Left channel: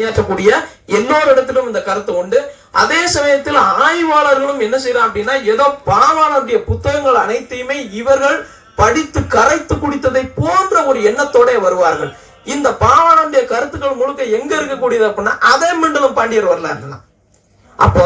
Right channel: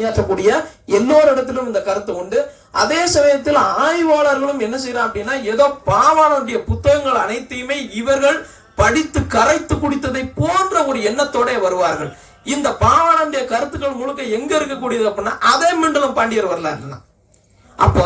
பணியாற்றக்கூடிய எல்லோரிடத்திலும் இந்த கருத்து உண்டு. அதே சமயத்தில் ஆய்வாளர்களும் என்ன செய்யறாங்க அப்படின்னா ஏதோ பாவாளருடைய புத்தகங்கள் அனைத்தையுமே இவர்கள் படித்து கரைத்து குடித்ததை போன்ற ஒரு எண்ணத்தோட வருவார்கள். இந்த பாவானுடைய கருத்துக்கள் முழுக்க எங்க இருக்கக்கூடியது அப்படின்னா அதே மண்டலம் பாண்டியர் வரலாறு அப்போ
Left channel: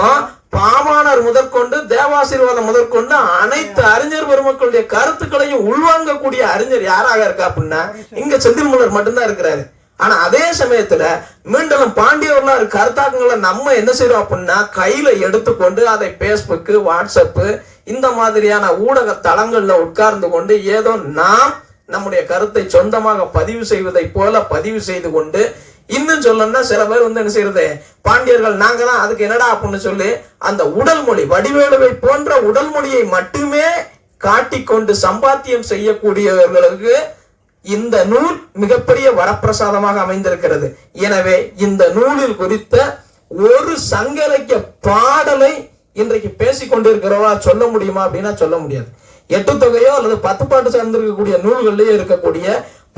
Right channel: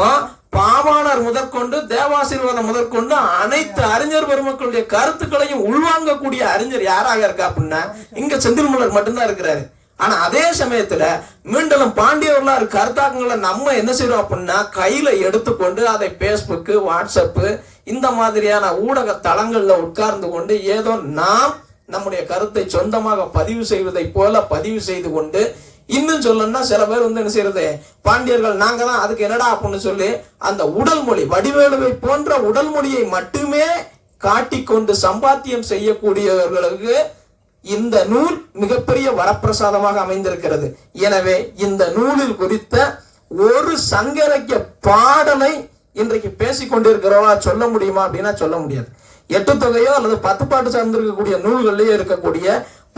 பாவாணர் முதற்கொண்டு தேவாசீர்வாதம் முதற்கொண்டு அனைத்து அறிஞர் பெருமக்களுடைய கருத்துக்களையும் உள்வாங்கக்கூடிய அறிஞர் யாராக இருக்கா அப்படின்னா இங்க செந்தில்முலர் மட்டும்தான் இருக்கிறாரு. ஆனா அதே சமயத்துல மீண்டும் பாண்டிய வரலாறு கருத்தாக்கங்களை நம்ம என்ன செய்யறோம் அப்படின்னா கையில எடுத்துக்கொண்டு அதை பேஸ்புக்கு வாட்ஸ்அப்பு இந்த மாதிரியான ஊடக தளங்கள்ல உட்கார்ந்து கொண்டு ஏதோ நாம் நம்முடைய கருத்தை சொந்தமாக பதிவு செய்வதை போல பதிவு செய்து கொண்டு இன்னும் சொல்லணும்னா சில பேர் வந்து என்ன செய்யறது பாண்டியர்கள் நாங்க தான் அதுக்கு என்னடா அப்படின்னு சொல்லி அந்த உடல் மொழி வடிவேலுவை போன்ற உடல் மொழியை மட்டுமே காட்டிக்கொண்டு சம்பாத்தியம் செய்யக்கூடியவர்களுக்கு இந்த நூல் மிகப்பெரிய வரப்பிரசாதமாக அமைந்திருக்கிறது. எனவே இந்த நூலில் குறித்த ஒரு சங்க இலக்கிய பாடலை இன்றைக்கு பேசிக்கொண்டிருக்கிறவா சொல்ல முடியுமா அப்படின்னா சொல்ல முடியாது. எட்டு தொகையோ அல்லது பத்து பாட்டு சார்ந்திருக்கக்கூடிய நூல்களிலேயே இருக்கக்கூடிய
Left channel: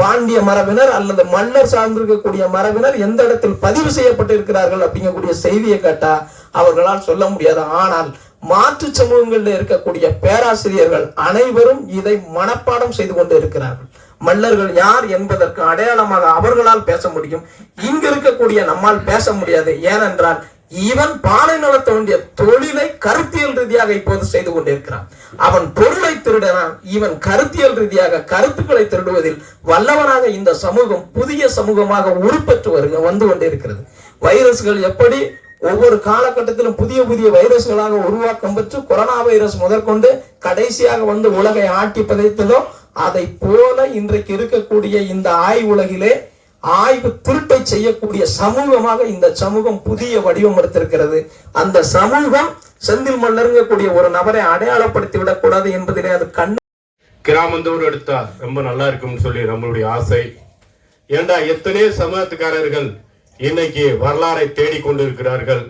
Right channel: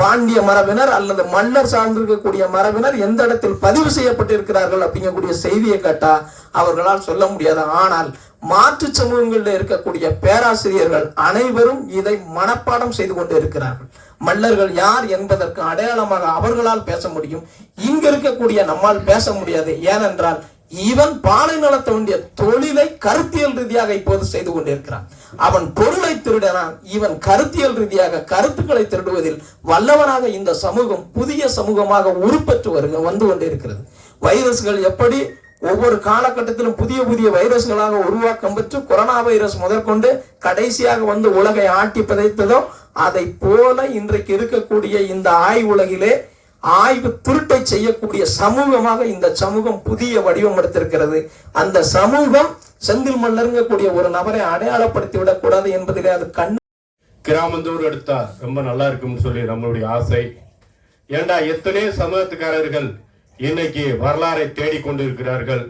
பாண்டிய மரபினர் அல்லது மன்னர் சார்ந்திருக்கக்கூடிய மரபினர் எந்த இடத்தில் பதிவு செய்யப்பட்டிருக்கிறார்கள் அப்படிங்கக்கூடிய செய்தியை கேட்டா அவர்களால் சொல்ல முடியாது. ஆனால் மாற்று சமூகங்களில் இருக்கக்கூடிய பேராசிரியர்கள் அனைவரும் இதை மனப்பாடம் செய்து கொண்டு இருக்கிறார்கள் மல்லர்கள் யார் என்பதற்கு அடையாளமாக அவர்களால் பேச முடியும். இங்க இருக்கக்கூடிய நம்மால் பேச முடியாது. ஏனென்றால் இவன் பாலை நலத்த வேண்டிய தொழிலை கருத்தியல் ரீதியாக இப்போது செய்து கொண்டிருக்கிறான். அவன் பொருளை திருடனான் இவன் கருத்தியல் ரீதியாக கருத்துக்களை திருடுவதில் வல்லவனாக இந்த சமூகம் புதிய சமூகமாக உருப்பெற்று வருக வந்து கொண்டிருக்கிறது. வைரஸ்கள் எப்படி ஒவ்வொரு காலகட்டத்திலும் புதிய புதிய வைரஸ்களாக உருவாக்கம் பெற்று கொரோனா வைரஸ் முதற்கொண்டு கடைசியாக வந்து உலகை ஆட்டி பிதைத்ததோ அதை போல இன்றைக்கு இருக்கக்கூடிய இந்த ஆய்வுலகிலே ஆய்வு திருட்டை செய்யக்கூடிய சமூகமாக இந்த சமூகம் புதிய வடிவம் எடுத்திருக்கிறது. அந்த சமூகம் செந்தில் மல்லருங்கக்கூடிய ஒரு நபரை அடையாளப்படுத்தி விடக்கூடாது என்பதிலே அது கண் கிராமந்தோடு எடுத்தா ரொம்ப நல்லா இருக்கும்னு சொல்லி நம்மளுடைய ஆசை. ஏண்டா எத்தனையோ சமூகத்துக்காரர்கள் இன்னைக்கு வரலாறை தேடிக்கொண்டிருக்கிறார்கள்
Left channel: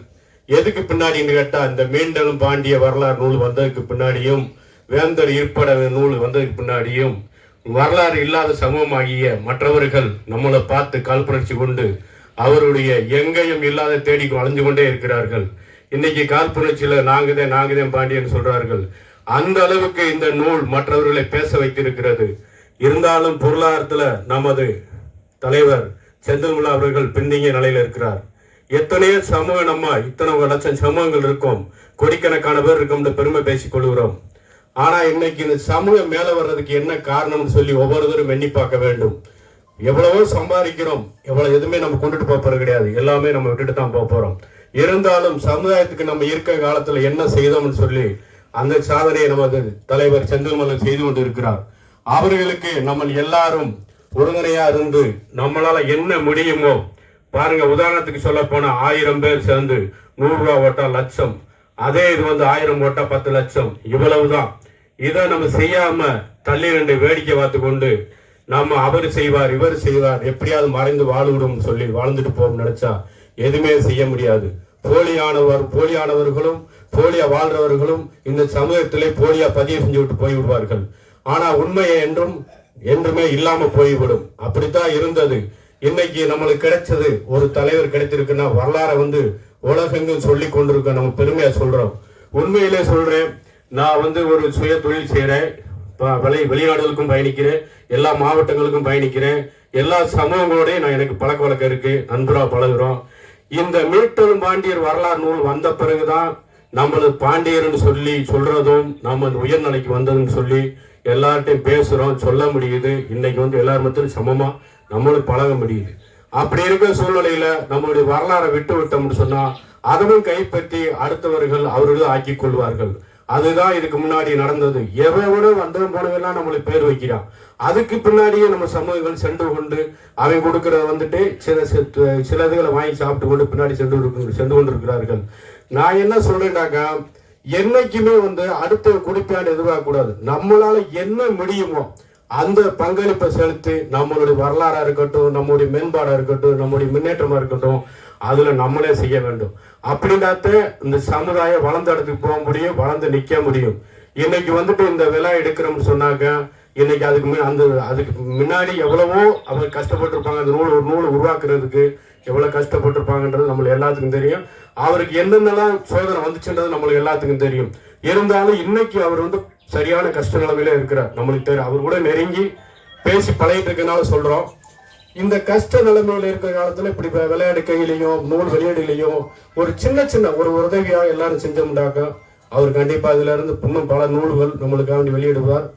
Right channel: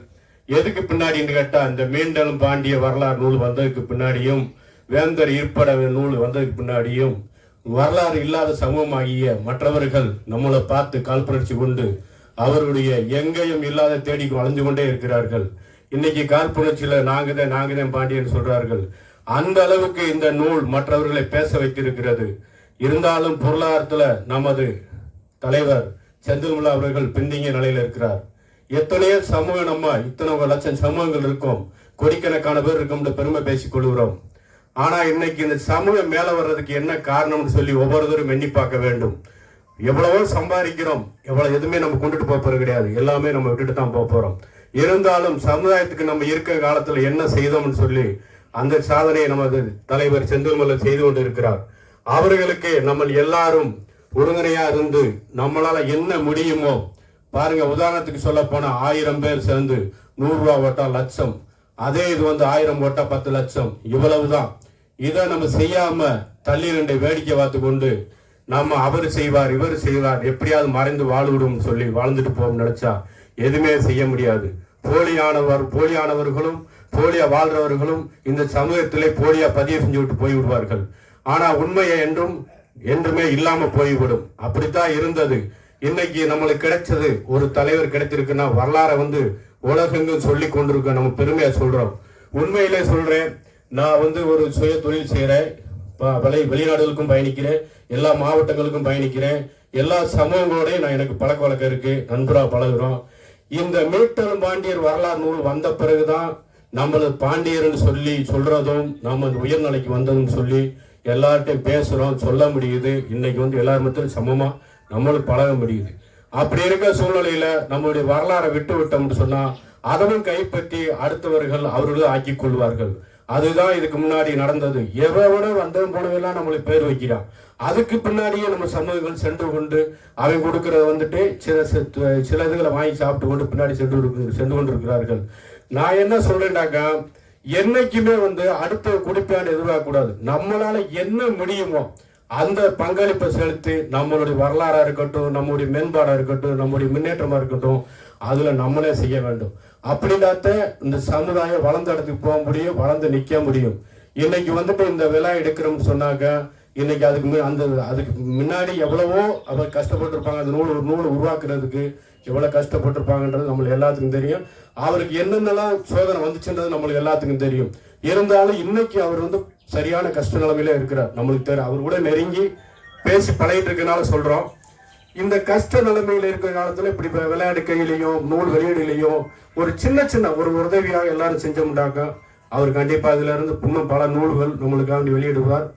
எதுக்கு பின்னாடின்னு கேட்டால் இந்த மீண்டலும் பாண்டிய வரலாறு நூல் வந்ததுக்கு பின்னாடியும் வேந்தர் ஈர்ப்பட நூல் வந்ததுக்கு பின்னாடியும் வரலாறு இல்லாத சமூகமாகிய மற்றவர்கள் நம்மளை பார்த்து காழ்ப்புணர்ச்சி கொண்டு அவருடைய எங்கேயும் இல்லாத தேடி வளைஞ்சு கொண்டே இருக்கிறார்கள். இன்னைக்கு காழ்ப்புணர்ச்சியில நாங்கதான் நாங்கதான் பாண்டியன் சொல்கிறார்கள் அந்த அளவுக்கு இந்த நூல் மற்றவர்களை பேச வைத்திருக்கிறது. இருந்தாலும் பொருளாதாரத்தில் நமது தலைவர் செந்தில்முல்லா அவர்கள் பின்தங்கிய நிலையில் இருக்கிறார். எத்தனையோ சமூகம் நம்ம இத்தனை லட்சம் சமூகங்கள் இருக்கும். கோடிக்கணக்கான பேர் இருக்கும் பெருமை பேசிக் கொள்கிறோம். ஆனா இன்னைக்கு இந்த சமூகம் மேல வர்றதுக்கு என்ன காரணம்னு சொல்லி ஒவ்வொருத்தரும் எண்ணி பார்க்க வேண்டும். எவ்வளவோ சம்பாதிக்கிறோம். எவ்வளவு எதுவுமே நம்ம கொண்டுட்டு போகிறது போறது கிடையாது. எல்லாமே நம்ம விட்டுட்டு தான் போக போறோம். இருந்தாலும் சமுதாயத்துக்கு நம்ம இருக்க காலத்துல என்ன செய்தோம்னு சொல்லி அந்த சாதனையை நமது தலைவர் செந்தில்மலர் செய்து கொண்டு இருக்கிறார் அவர்களுக்கு நம்ம எல்லாரும் உறுதுணையா இருந்து நம்மளால என்ன முடியுமோ பாருங்க உதாரணத்துக்கு சொல்ல போனா ஆயிரம் பேர் சேர்ந்து நூறு ரூபா ஓட்டா லட்சம். அதே இது வந்து ஆயிரம் ஓட்டா பத்து லட்சம். இவ்வளவுதான். இதை நம்ம செய்யாம தள்ளி ரெண்டு வேடிக்கை பார்த்து கொண்டு நாம அவர் செய்வார் இவர் செய்வார் எப்படியாவது மறைந்து வாழ்விடும் சொல்லி வாழ்ந்துட்டு போகும் நினைச்சா எதுவுமே செய்ய முடியாது. போலியானவர் போலியானவர்களும் போலியா வாழ்றவர்களும் இந்த சமூகத்திலே போலியா பதிவு செஞ்சு விட்டு போய்விடுவார்கள். ஆனா உண்மையை என்றும் என்றுமே இல்லாம போய்விடும். அப்படித்தான் இருந்தது. இன்னைக்கு நம்மளுக்கு கிடைச்சது ஒரு தலைவர் கிடைத்திருக்குன்னா வரலாறை வந்து உலகெங்கும் சொல்லி கொண்டிருக்கோம் நம்ம பெருமையா சொல்றோம். உண்மையிலே சொல்றேன் நான் வந்து ஒரு சுய தொழில் செய்கிறேன் ப- வெளிநாடுகளுக்கும் பயணிக்கிறேன். எல்லா மாவட்டங்களுக்கும் பயணிக்கிறேன். எல்லா சமூகங்களோடையும் நான் எனக்கு பழக்க வழக்கம் இருக்கு. நண்பராக பழகுறோம். இந்த மீட்டரும் பாண்டியர் வரலாறு நூல் வந்த பிறகுதான் நம்மளது பாண்டியர்னு சொல்லி சொல்றதும் நம்ம உயர்நிலைக்கு வந்ததுன்னு சொல்லி எல்லார்ட்டையும் பேசுகிறோம் சொல்ல முடியுது. இன்னைக்கு வந்து எல்லார் மத்தியும் சமமாக நம்மளும் பழக முடியுது. அப்படி இருக்கிற சூழ்நிலையில் நம்மளுடைய வரலாறை விட்டு விட்டோம்னு சொன்னால் அதனும் கைப்பற்றி அடுத்தவர்கள் அவர்களும் ஆக்கி கொள்வார்கள். அதுதான் இதுக்கு முன்னாடி நடந்தது. எவனோ வந்தவன் போனவெல்லாம் நம்மளுக்கு பேர் வைக்கிறான். அதுக்கு பின்னாடியே நம்ம சமூகங்கள் சென்று கொண்டு அவன் கொடுக்கறத வந்துட்டு சில சில- இதுகளை வாங்கி சாப்பிட்டு கொண்டு பின்னாடி சென்று சென்று கொண்டிருக்கிறார்கள். நான் என்ன சொல்றேன்டாக்கா என்னைக்குமே வந்து அடுத்த குடிப்பையாண்டு எதிர்பார்க்க கூடாது நம்மளால என்ன முடியுமோ அந்த பங்களிப்பை செலுத்தி நம்மளுடைய வரலாறா இருக்கட்டும் நம்முடைய மேம்பாடா இருக்கட்டும் நம்முடைய முன்னேற்றமா இருக்கட்டும் அதுல நம்மளே செய்ய வேண்டும். அப்படின்னாத்த இந்த சமுதாயம் வளர்ந்த இடத்துக்கு போக முடியும் வளர்ந்து நிக்க முடியும். இன்னைக்கு வந்துட்டு இந்த விழா எடுக்கிறோம்னு சொன்னாக்க இன்னைக்கு அதுக்கு அந்த அதுக்கு முன்னாடி எவ்வளவோ அவர் கஷ்டப்பட்டிருப்பாங்க. அந்த நூல் ஒரு நூல் உருவாக்குறதுக்கு எவ்வளோ கஷ்டப்பட்டிருப்பாங்கன்றது நம்மளுக்கு எல்லாத்துக்கும் தெரியும். அவருக்கு என்னென்னலாம் சோதனை வந்துச்சுன்றது நம்மளுக்கு எல்லாத்துக்கும் தெரியும். இருந்தாலும் இன்னைக்கு அவர் வந்து சரியான கஷ்ட நிலைமையில இருக்கிறார். நம்மளுக்கு தெரியும் அவர் கூட நெருங்கி பேசி பழகிட்டு இருக்கனால சொல்றோம். இந்த கஷ்ட நிலைமையில இருக்கிற காலத்துல இப்படி விளையாடு கையிலையும் நூல் வெளியீடுலையும் ஒரு சின்ன சின்ன ஒரு உதவியாக எல்லாரும் செஞ்சோம்னாக்கா அவர் கண்டிப்பாக அதுல இருந்து இன்னும் பல நூல்கள் நம்மளுக்காக வெளியிடுவார்.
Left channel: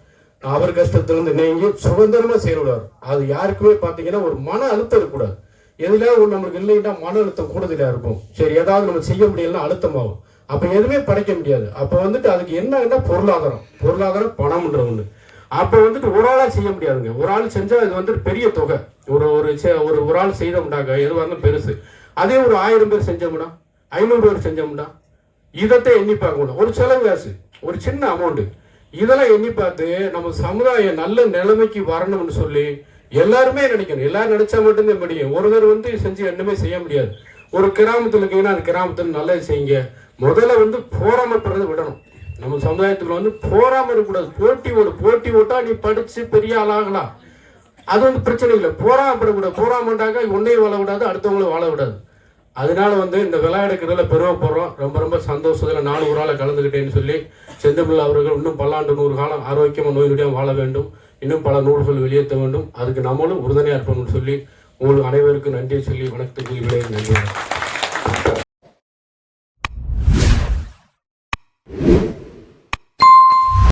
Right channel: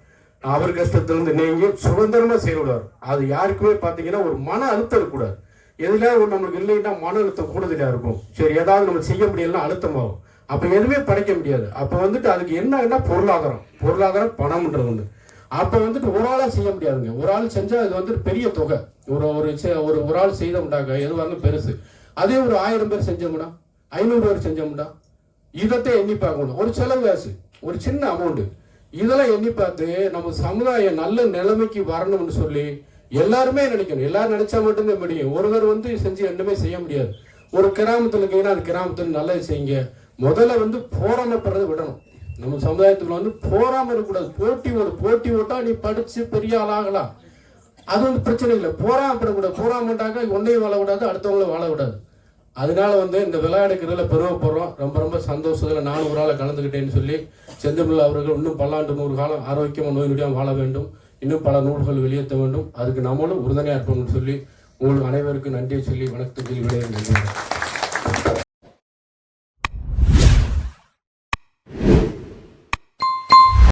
அவர் கஷ்டத்திலிருந்து நீங்கி சுதந்திரமா செயல்படுவார். அது யாருக்குமே பாத்தீங்கன்னா ஒரு மன அழுத்தம் இருக்கக்கூடாது. எதுல ஒரு நம்மளுக்கு இல்லைன்னா மன அழுத்தம் கூடுதலா இருக்கும். சரி ஏதாவது நம்ம செய்ய முடியலன்னா அழுத்தமாகும் அப்ப எதுவுமே படைக்க முடியாது. அப்ப வந்துட்டு அதுக்கு என்னன்னா பொருளாதாரம். பொருளாதாரம் பணம்ன்றது ஒண்ணு. அப்ப வந்துட்டு ஒரு ஆளா செய்ய முடியாதுங்க. ஒரு ஆள் செஞ்சா இது வந்து பெரிய தொகை. ஒரு ஒரு செ- ஒரு ஒரு ஆள் செய்தோம்னாக்க எது வந்து பெருசு. அதே ஒரு ஆயிரம் பேர் செஞ்சோம்னா ஐநூறு பேர் செஞ்சோம்னா இதைத்தான் எண்ணி பார்க்கணும் ஒரு செலவு காசு. ஒரு சின்ன அமௌண்ட்டு இதெல்லாம் எண்ணி பார்த்து நம்ம சமுதாயம் நல்ல நிலைமைக்கு வரணும்னு சொல்லி எல்லாருமே நினைக்கணும். எல்லாரும் நினைச்சா மட்டும்தான் முடியும். ஒருவர் வந்து செஞ்சு ரெண்டுமே செய்ய முடியாது. ஒரு கிராமத்தில் இருக்கீங்கன்னா அந்த கிராமத்தில் நல்லது செய்யுங்க. முதல்ல வந்து போராமப்படுறது விடணும். நம்ம சமுதாயத்துக்குள்ள வந்து போராம இருக்கக்கூடாது. போட்டி ஓடு. போட்டி ஓட்டா நீ படிச்சு பெரிய ஆளாகலாம் அது வந்து பிரச்சனை இல்லை. போராமப்படக்கூடாது. போராமட்டாக்கா உன்னையும் வாழ விடாது அடுத்தவங்களும் வாழ விடாது. அதனால வந்து இந்த விளையாடுக்கிறதுல பெருமைப்படுறோம் ரொம்ப ரொம்ப சந்தோஷத்தில் நானும் ஒரு ஆளை கலந்துக்கிட்டேன்னு சொல்லி செந்தமிழ் அவர்கள் இன்னும் பல்லாண்டு நூறு காலம் ஆரோக்கியமாக நோய் நொடியாக வாழ வேண்டும். இன்னும் பல நூல்கள் வெளியேற்ற வேண்டும். அதுக்கு நம்மளும் உறுதுணையாக இருப்போம்னு சொல்லி உங்களுக்கு அனைவருக்கும் நன்றியை சொல்லி வணக்கத்துக்கு நன்றி